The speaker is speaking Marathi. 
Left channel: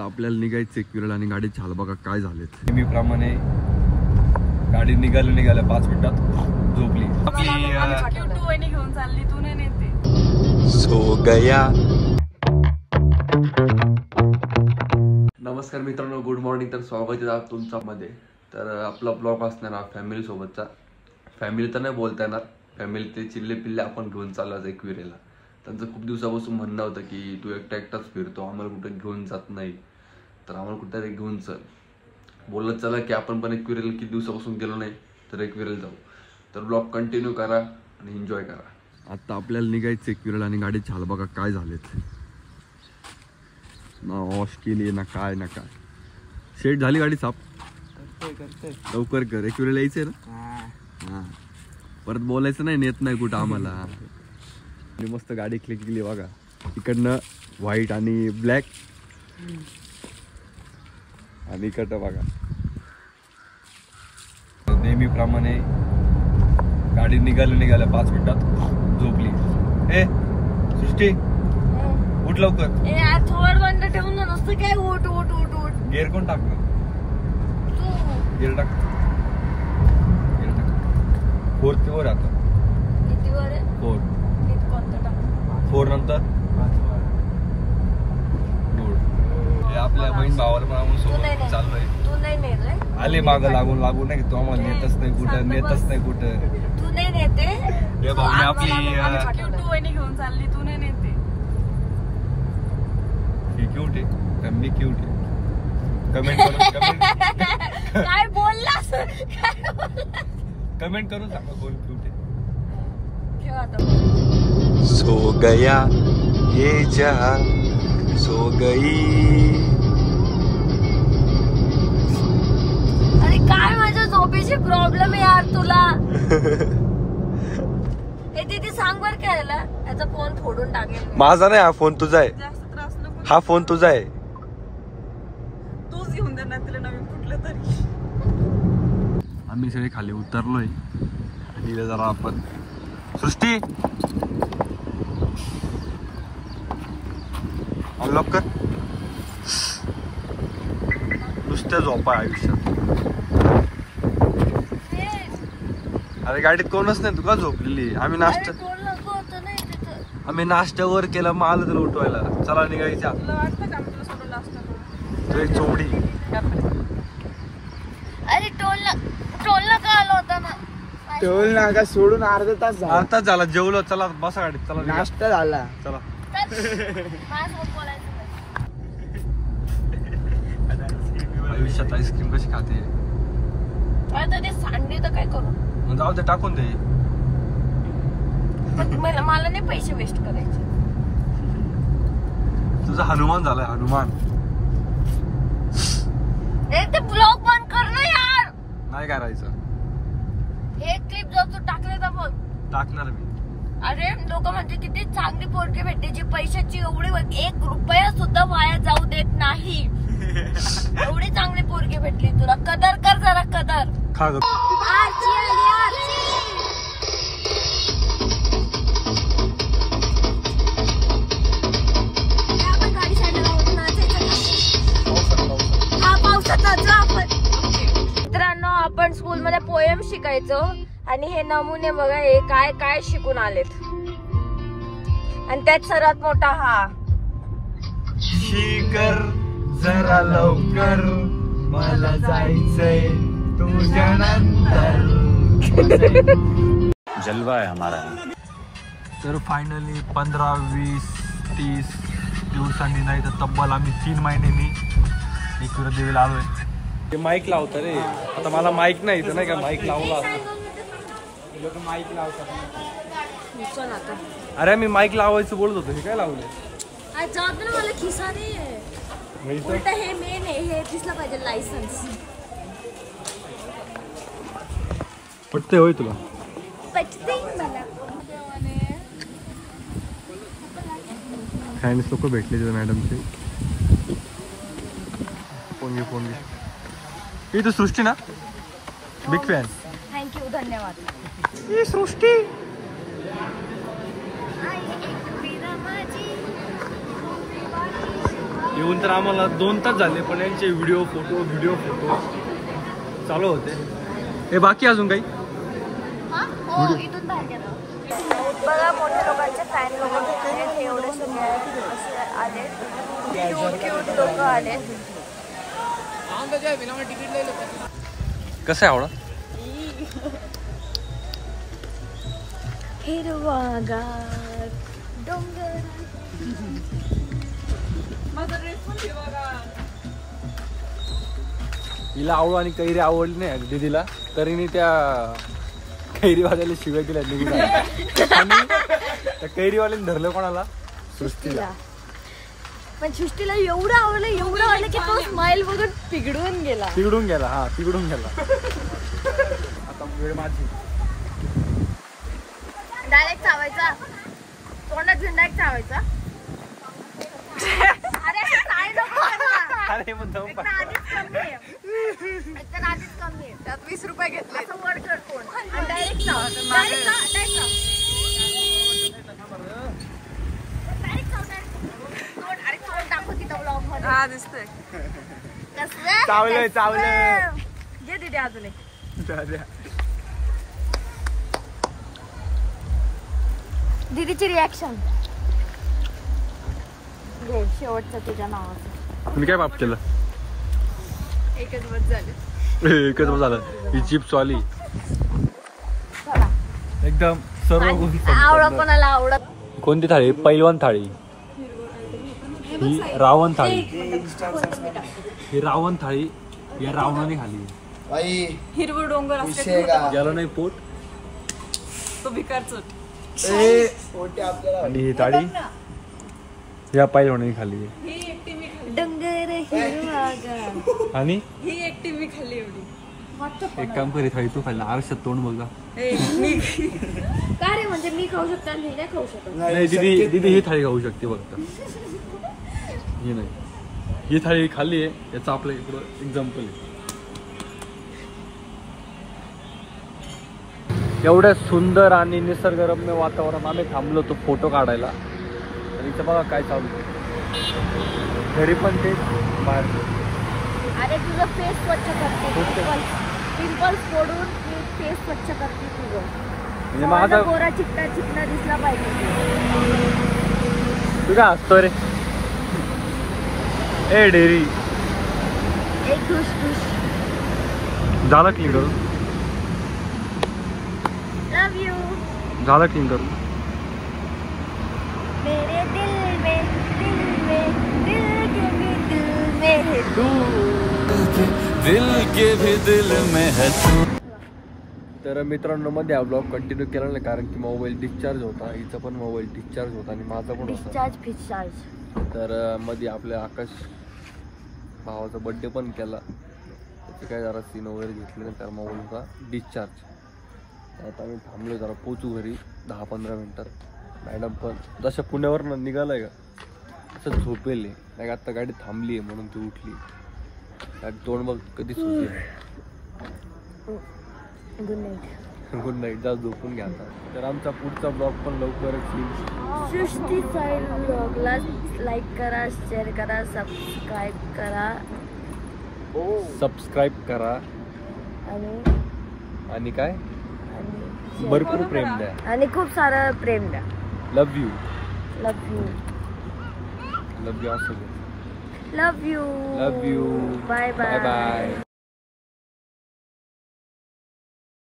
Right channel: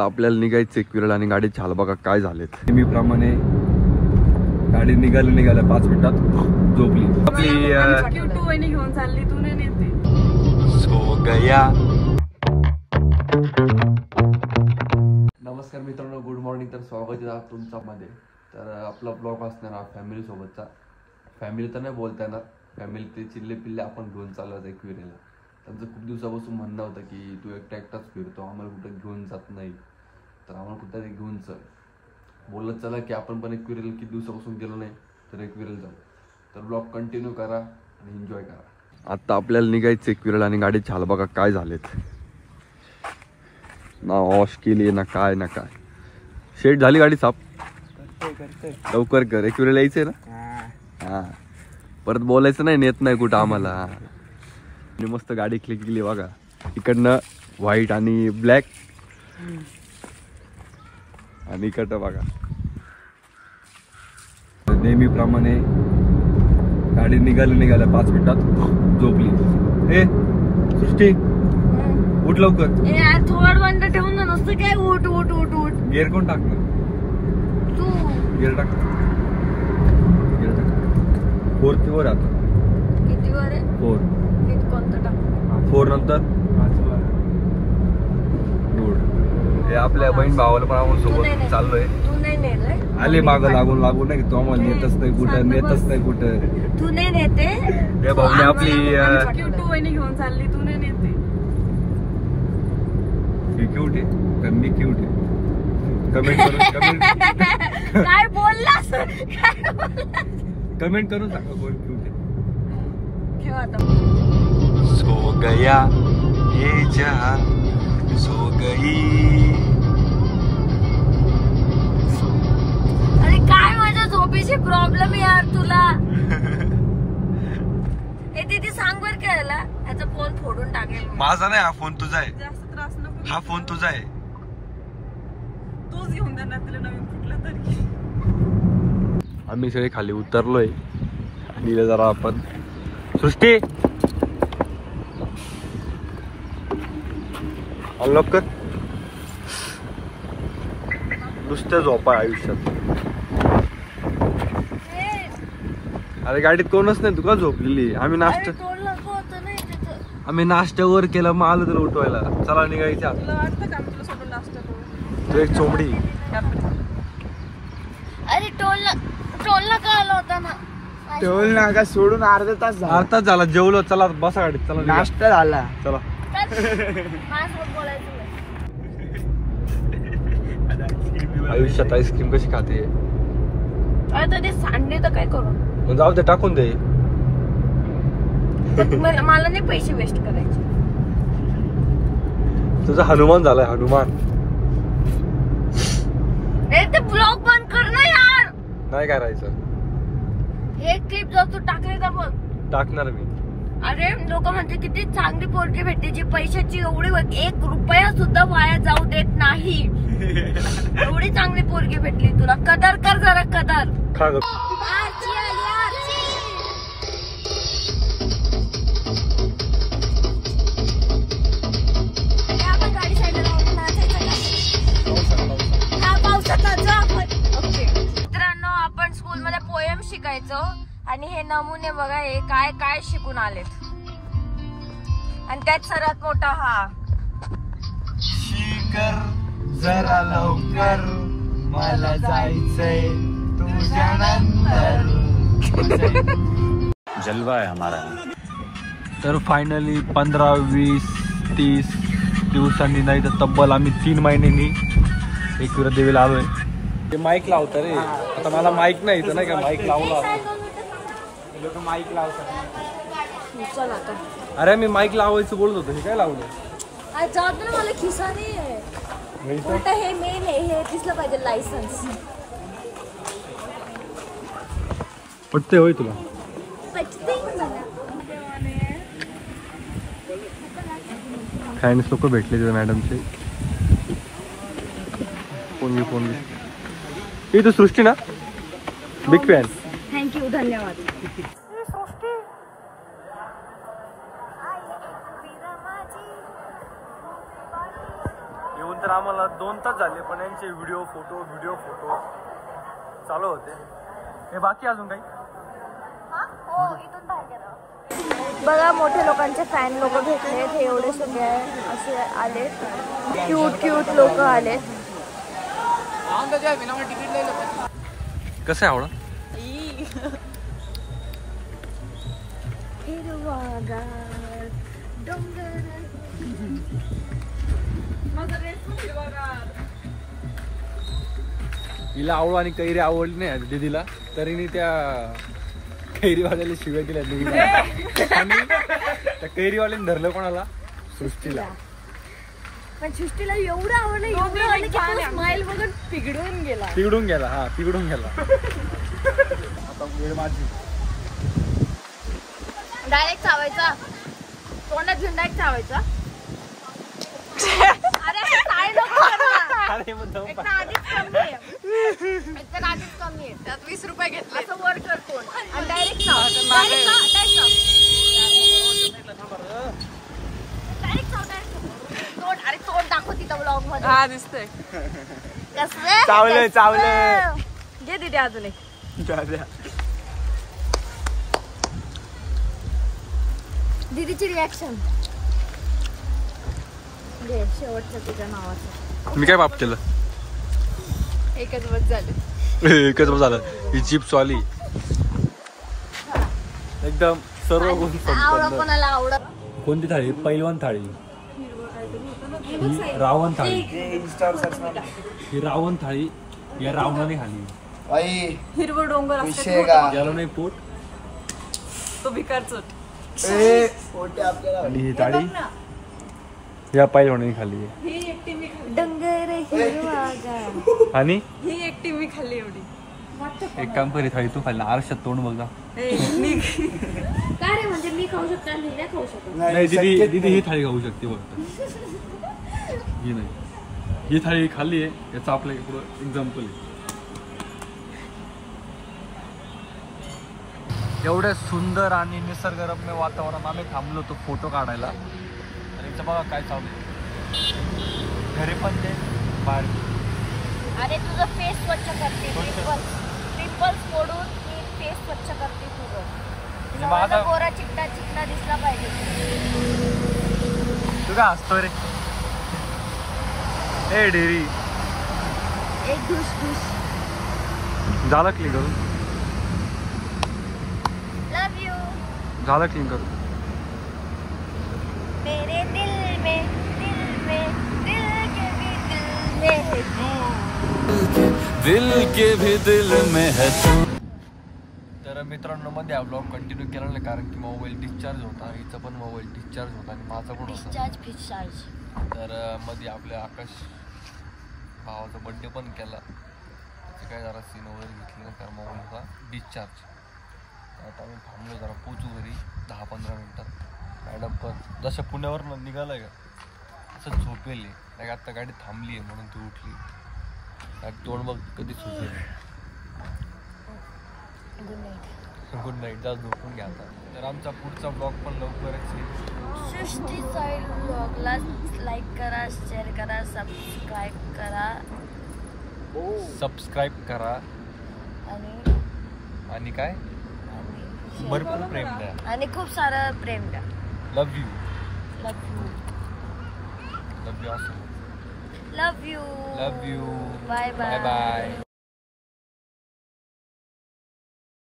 आता आपल्याला निघायचं एकविरेला आणि गाडी चाल बघा काय झालेत. नेहमीप्रमाणे गाडी निघाल्या 5 मिनिटात झोपली. आपली घेऊन चालली तू ना नेते. सो गया. नमस्कार मित्रांनो, गुड मॉर्निंग. तर स्वागत आहे तुमचा मध्ये. तर आपला ब्लॉग असणार हा फॅमिली सोबतचा. फॅमिली तर नाही बोलता येणार, फॅमिली ते चिल्ले पिल्ले आपण घेऊन चाललो आज एकविरेला. त्यांचं खूप दिवसापासून म्हणणं होतं की तू एकटाच फिरतो, आम्हाला कुठे घेऊन जात नाही, तर आम्हाला कुठेतरी घेऊन चल. बोलत चला की आपण पण एकविरेला किती दिवसापासून गेलो नाही, तर एकविरेला जाऊ. तर ब्लॉग कंटिन्यू करा आणि एन्जॉय करा. आता आपल्याला निघायचं एकविरेला आणि गाडी चाल बघा काय झालेत. ना वॉश केली ना काय ना काय. शेट झाली गाडी साफ. लवकर कर, एकविरेला यायचंय ना. हा परत बोलायचं नाही, नेत नाही कुठं आम्हाला. आणि मस्त गाडी क्लिक केली बघा. इकडनं व्हाईट आणि ब्लॅक आणि इकडं बघा. नेहमीप्रमाणे गाडी निघाल्या 5 मिनिटात झोपली. ए सृष्टी उठ लवकर. थोड बंद ठेवून ना, नुसतं काय उठ उठ उठ उठ. गिअर कोण टाकलं? तू गिअर टाक. फोर्थ वर आता. किती वर आहे? 4. कोणतं टाक? 4 नंतर हे आपल्या बहीण भावाला पण आपण सोबत चाललोय. तू नाही नेलंय? आले मागं लागून नाही की तो आम्हाला नेतच नाही कुठं. तू नाही नेते. हे भाऊने आपली घेऊन चालली तू नाही नेते. क्यूट आहे, मी क्यूट आहे. कमेंट काय बोललास? कमेंट करून सांगा कोण क्यूट आहे. ठेव आता. सो गया ये जहां सो गई. अरे काय माझ्या झोपेची प्रॉब्लेम आहे यार तुला. हे दीदी सांग बर काय आला. याचा फोन फोडून टाकेल. माझा नाही, हा फोन तुझा आहे. जास्त त्रास नको. हा फोन तुझा आहे. तूच घेऊन दे ना, तुला नवीन कुठलं तरी. आम्ही सगळे खाली उतरलोय आणि जरा आपण सृष्टी अनलॉक कर. नुसतं झोपा आयुष्यात. अरे गाडीत कोणच नाही, तू का झोपलेली? आम्ही नाश्त्यावर केला, मग आलं तर उठवायला. चला निघायच्या. तू एक चोमडी. अरे टोलला का आला होता ना. टोल नाका सोडून अर्धा तास झाला. जेवलो. चला बसा गाडीत. चला नाश्ता झाला. चला. आयुष्यात आईस्क्रीम कशी खाते? अरे ते सांडे तर काय करू. जाऊ दे, टाकून दे. मला नाही पैसे वेस्ट करायचे. तुझा हनुमान झालाय, हनुमान. ते ब्लॉग बंद कर ना यार. नाही करायचं. हे क्लिप जर तू टाकले तर बघ. टाकणार मी. अरे लोक म्हणते किती चांगली पोरगी भेटते जी पैशाची एवढी 1 रुपया सुद्धा वाया जाऊ देत नाही. एवढी चांगली पोरगी भेटली तुला. कदर कर जरा, कदर. आरची आली, आरची. आपण गाडी साईडला लावून नाचायचं का? हा पावसाचा जा आपण. मित्रांनो, आपण स्कूल मध्ये पोएम शिकायचो आणि हे नमुने बघा, हे काय काय शिकून आलेत. आणि त्यात सर्वात मोठा हा. शिकर जरा लवकर, मला जायचंय तुझ्या नंतर. जलवा आहे हमारा. तर फायनली 15, 20, 30 दिवसांनी नाही तर तब्बल आम्ही 3 महिन्यांनी एकविरा देवीला आलोय. ते माईक लावतं रे. आता मला माईक नाही तर नाही का, माईक लावला. लोक माईक लावतात. चल आता. अरे मी माईक लावायचं बोलत होतो, हे काय लावलंय? जात ना, मला खिसा नाही आहे. उलट हे मेन आहे, हे दिसलं पाहिजे लायसन्स. पटते होय तुला? पटते मला. फॅन्स लोक भेटले तिथे मॅडमचे. फोन ही तर सृष्टी ना, बिग फॅन. थँक्यू, धन्यवाद. सृष्टी येऊन तर आम्हाला 2 तास झाले, पण यांचे व्हिडिओ फोटो चालू होते. हे बाकी अजून काही बघा मोठ्या लोकांचे फॅन आले, क्यूट लोक आले. कसं आहे आवडा? हिरवागार डोंगर हिला आवड आणि कैरी आवडली नाही दीदीला, तरी मी त्या कैरीवाल्याला शिव्या दिल्या दीदीला. आणि त्या कैरीवाल्याने धरलं कोणाला? सृष्टीला. पण सृष्टीला एवढं आवडलं की स्माइल बघून पिघडून गेला. हा पिघडून गेला. आता वेळ माझी. डायरेक्ट चावायचा, तोंडात घेऊन डायरेक्ट चावायचा. अरे काय नको करू ना. अरे मग जाऊन एकतर आधीच कमी आहे, त्यात 20 रुपये घेतले. असं वर कर कोण डायरेक्ट चाव. अरे तोंड दाखव तिथं ब्लॉग मध्ये. हा दिसतंय. चावलं. घे दीदी अजून एक. दीदीची रिॲक्शन घे शेवटचं तुझ्या नावाचं. मी काय पाप केलं? एकच बस झालं. ही चिप्स वाली एकदम सर्व गुण संपन्न. कोणाला आवडत. कोणती थाळी? पैलवान थाळी. ही रावण थाळी. ही रावण थाळी या रावणाने खाली. हिरवं डोंगर गेलं नाही पोट. तो भिकारच. आणि ही थाळी या पैलवानाने खाली. डोंगर हिरवागार. आणि ही एकटी मी खाल्ली एवढी. एक काम कर, थाळी तू खाल्ली. आरशात तोंड बघा. काय रे म्हणजे मी खाऊ शकते आणि नाही खाऊ शकत? नाही दीदी ही थाळी खाऊ शकते फक्त. ही नाही. ही थाळी खाल्ली आहे, याचा आपल्या इकडं एक्झाम्पल आहे. एवढ्या सुंदर आणि निसर्गरम्य वातावरण आम्ही थांबलो होतो फोटो काढायला. आणि इथं बघा काय चालू. घरी पण तेच, बाहेर पण. अरे तुझं फेस स्वच्छ करते. पिंपल्स फोडून फेस स्वच्छ करते तुझं. म्हणजे माझा गोरा चिकना दिसला पाहिजे. तू काय हसतो रे? ए डेरी झाला क्लीन करून. लव यू. झाला क्लीन करून. मेरे दिल में दिल के भी दिल में है तू. तर मित्रांनो मध्ये हा ब्लॉग कंटिन्यू केला नाही, कारण की मोबाईल डिस्चार्ज होता. हिचा पण मोबाईल डिस्चार्ज होता आणि माझा पण होता. डिस्चार्ज. तर मध्ये आपल्या आकाश भावाचा बर्थडे पण केला. त्याची काय जरा सीन वगैरे घेतली, नंतर मोबाईलचा डिस्चार्ज. आता आम्ही थांबलो, जरा पोचू घरी 10-15 नंतर. मॅडम पण जशा पुण्यावरनं निघालाय का असं झोपेल. नाही आता गाडी थांबली आहे म्हणून ती उठली. तोंड बघ कधी सुचेल. Good night. जास्त झोपून घ्या आता. तर आमचा पुढचा ब्लॉग पण लवकरच येईल. सृष्टी साईल ब्लॉगला लाईक करा, शेअर करा, सबस्क्राईब करा आणि काय आणि भरपूर प्रेम द्या आणि खूप सारं प्रेम द्या. लव यू लव यू असं बोल. Love you. Bye bye.